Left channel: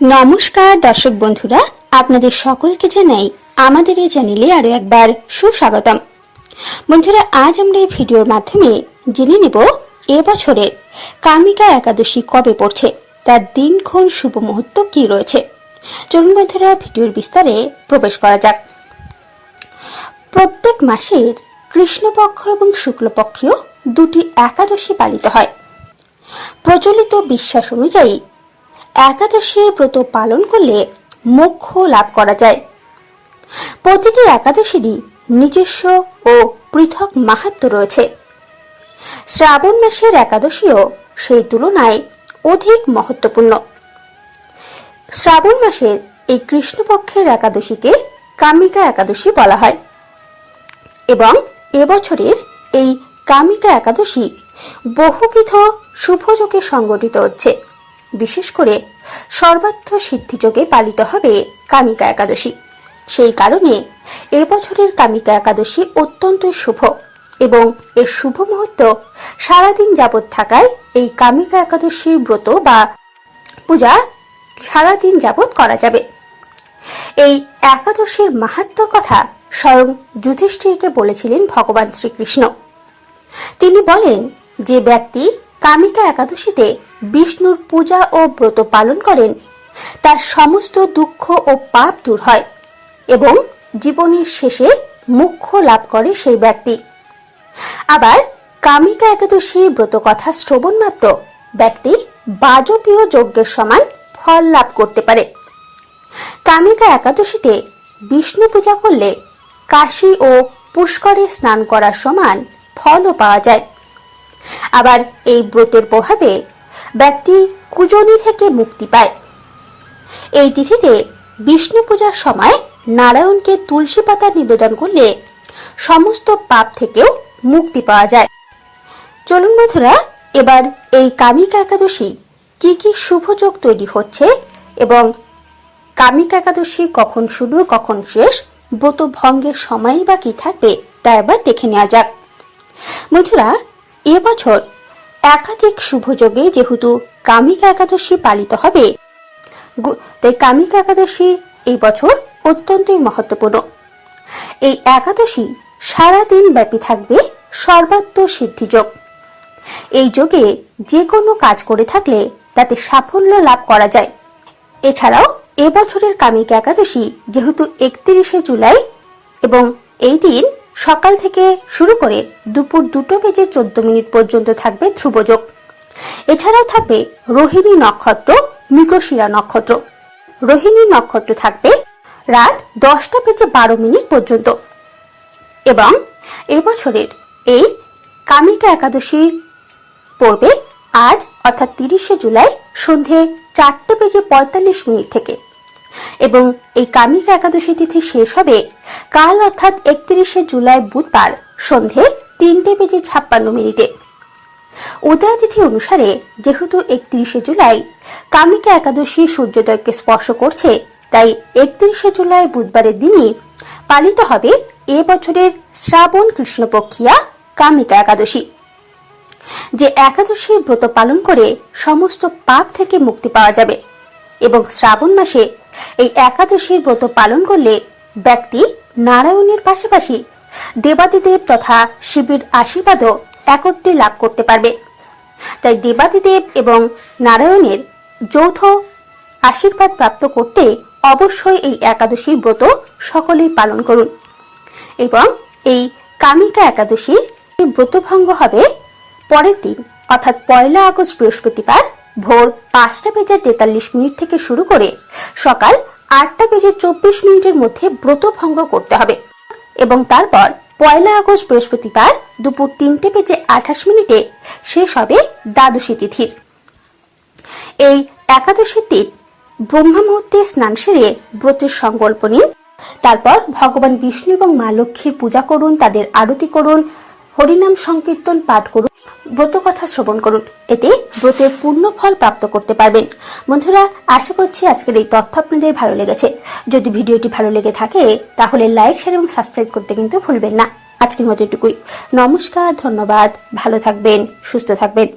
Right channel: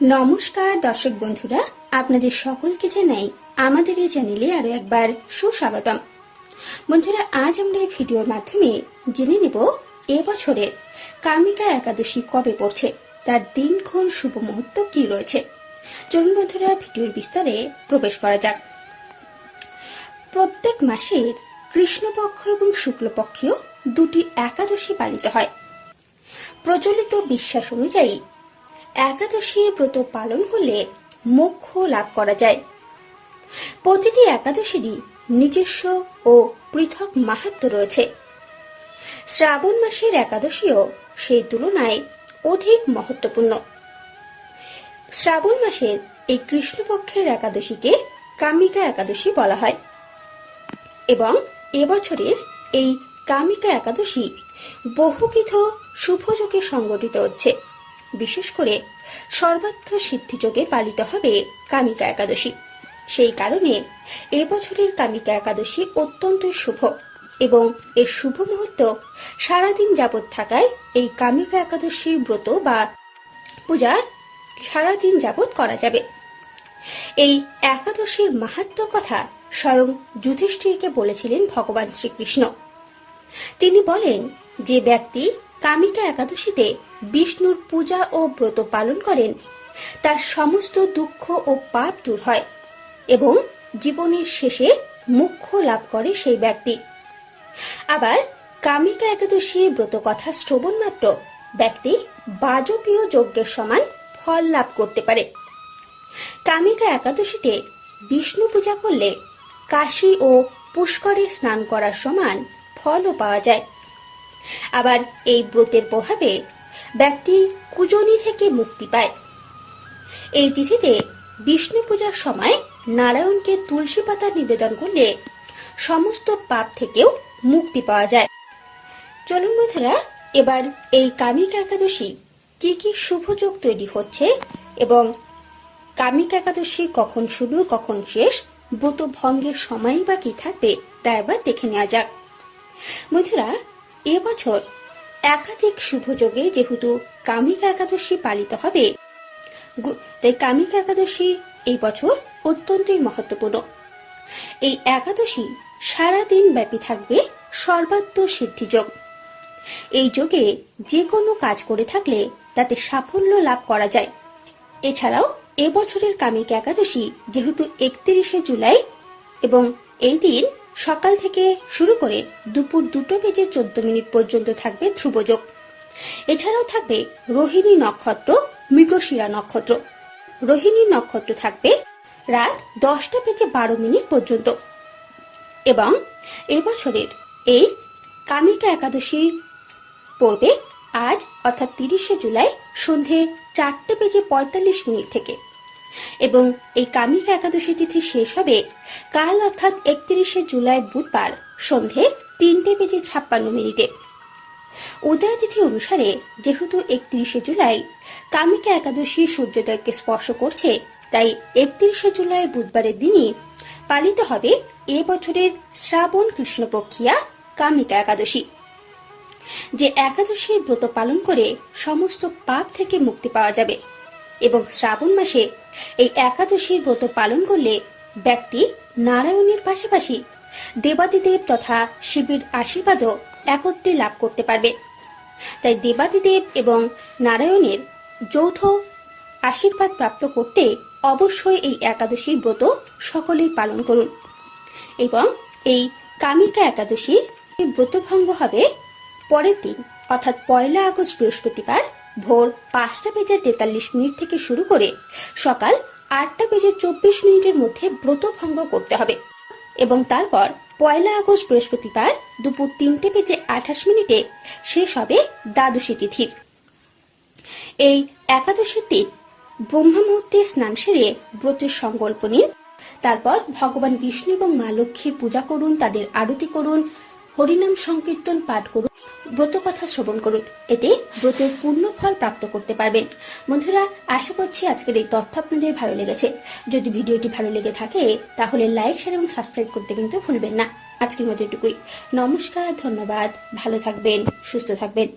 নমস্কার, দর্শক বন্ধুরা, আপনাদের সকলকে জানাই আমাদের এই চ্যানেলে আরও একবার সুস্বাগতম। বন্ধুরা, আজ আমরা এই ভিডিওর মাধ্যমে জেনে নেব এবছরের কামিকা একাদশী কবে পড়ছে, তার দিনক্ষণ শুভ মুহূর্ত কি রয়েছে। চলুন বন্ধুরা, ভিডিওর বিস্তারে প্রবেশ করা যাক। প্রত্যেক মাসের কৃষ্ণপক্ষ এবং শুক্লপক্ষীয় দুটি একাদশী পালিত হয়। প্রচলিত বিশ্বাস অনুযায়ী একাদশীর ব্রত পালন করলে মোক্ষ লাভ করা যায়। প্রতিটি একাদশীরই নিজস্ব ও পৃথক মাহাত্ম রয়েছে। শ্রাবণ মাসের একাদশীও সেই তুলনায় অধিক মহত্বপূর্ণ। শ্রাবণ মাসের এই কৃষ্ণপক্ষের একাদশীকে কামিকা একাদশী বলা হয়। এবং এবছরের এই কামিকা একাদশী বহুবিধ শুভযোগে সংগঠিত হচ্ছে। বিশেষ করে সর্বার্থ সিদ্ধিযোগে পালিত হবে কামিকা একাদশী। সেই কারণে এবছরের কামিকা একাদশী অত্যন্ত শুভ এবং এর শুভ মুহূর্ত সারাদিন যাবৎ থাকায় এই কামিকা একাদশীর ব্রত বা পূজা সারাদিন যাবৎ করা যাবে। এই একাদশীর মাহাত্ম কথা স্বয়ং যুধিষ্ঠিরকে বলেছিলেন ভগবান শ্রীকৃষ্ণ। তিনি বলেন, যে ব্যক্তি কামিকা একাদশীতে বিষ্ণুর পূজা ও ব্রত পালন করেন। তার সমস্ত দুঃখ ও পাপ দূর হয় এবং জীবনের শেষে মুখ্য লাভ করে সেই ব্যক্তি। আবার কামিকা একাদশীর ব্রত কথা শ্রবণ মাত্র ব্যক্তি বাজপীয় যজ্ঞের সমান ফল লাভ করতে পারে। কামিকা একাদশীতে বিষ্ণু পূজা করলে কাশী ও পুষ্করে স্নান করার সমান ফলও পাওয়া যায়। আবার এই ব্রতের প্রভাবে ব্যক্তি কুজনি থেকে মুক্তি পায়। এই তিথিতে বিষ্ণু পূজার সময় নারায়ণকে তুলসী পাতা নিবেদন করলে সমস্ত পাপ থেকেও মুক্তি পাওয়া যায়। চলুন বন্ধুরা, এবার এই কামিকা একাদশী কি কি শুভযোগ তৈরি হচ্ছে এবং কামিকা একাদশী কখন শুরু, কখন শেষ ব্রত ভঙ্গের সময়ই বা কি থাকবে তা এবার দেখে নেওয়া যাক। বন্ধুরা এবছর একাধিক শুভযোগে যেহেতু কামিকা একাদশী পালিত হবে তাই কামিকা একাদশী এই বছর অত্যন্তই মহত্বপূর্ণ। এই একাদশী সারাদিন ব্যাপী থাকবে সর্বাত্ম সিদ্ধিযোগ এই যোগে যে কোনো কাজ করে থাকলে তাতে সাফল্য লাভ করা যায়। এছাড়াও এবছরের কামিকা একাদশী যেহেতু একত্রিশে জুলাই এবং এই দিন সকাল থেকে শুরু করে দুপুর দুটো বেজে চোদ্দ মিনিট পর্যন্ত থাকবে ধ্রুবযোগ। এছাড়াও থাকবে রোহিণী নক্ষত্র, মৃগশিরা নক্ষত্র। রোহিণী নক্ষত্র থাকবে রাত দশটা বেজে বারো মিনিট পর্যন্ত। এবং এবছরের এই কামিকা একাদশীর পড়বে আজ, অর্থাৎ তিরিশে জুলাই, সন্ধে চারটে বেজে পঁয়তাল্লিশ মিনিট থেকে এবং এই কামিকা একাদশী তিথি শেষ হবে কাল অর্থাৎ একত্রিশে জুলাই বুধবার সন্ধে তিনটে বেজে ছাপ্পান্ন মিনিটে। উদয় তিথি অনুসারে যেহেতু একত্রিশে জুলাই কামিকা একাদশী সূর্যোদয়কে স্পর্শ করছে, তাই একত্রিশে জুলাই বুধবারের দিনই পালিত হবে এ বছরের শ্রাবণ কৃষ্ণপক্ষিয়া কামিকা একাদশী। যে একাদশীর ব্রত পালন করে সমস্ত পাপ থেকে মুক্তি পাওয়া যাবে এবং শ্রাবণ মাসে এই একাদশীর ব্রত পালন করলে ব্যক্তি নারায়ণের পাশাপাশি দেবাদিদেব তথা শিবের আশীর্বাদও একত্রে লাভ করতে পারবে। তাই দেবাদিদেব এবং নারায়ণের যৌথ আশীর্বাদ প্রাপ্ত করতে অবশ্যই এই একাদশীর ব্রত সকলেই পালন করুন। এবং এই কামিকা একাদশীর এই ব্রতভঙ্গ হবে পরের দিন, অর্থাৎ পয়লা আগস্ট বৃহস্পতিবার ভোর পাঁচটা বেজে তেতাল্লিশ মিনিট থেকে শুরু করে সকাল আটটা বেজে চব্বিশ মিনিটের মধ্যে ব্রত ভঙ্গ করতে হবে। এবং তারপর পয়লা আগস্ট বৃহস্পতিবার দুপুর তিনটে বেজে আঠাশ মিনিটে শেষ হবে দ্বাদশী তিথির এই একাদশী তিথ ব্রহ্মা মুহূর্তে স্নান সেরে ব্রতের সংকল্প নিন। তারপর ভগবান বিষ্ণু এবং মা লক্ষ্মীর পূজা করুন, তাদের আরতি করুন, হরিনাম সংকীর্তন পাঠ করুন। ব্রত কথা শ্রবণ করুন। এতে ব্রতের পূর্ণ ফল প্রাপ্ত করতে পারবেন। বন্ধুরা, আশা করছি আজকের এই তথ্য আপনাদের ভালো লেগেছে। যদি ভিডিওটি ভালো লেগে থাকে, তাহলে লাইক, শেয়ার এবং সাবস্ক্রাইব করতে কিন্তু ভুলবেন না। আজকের মতো এটুকুই। নমস্কার, ধন্যবাদ। ভালো থাকবেন, সুস্থ থাকবেন।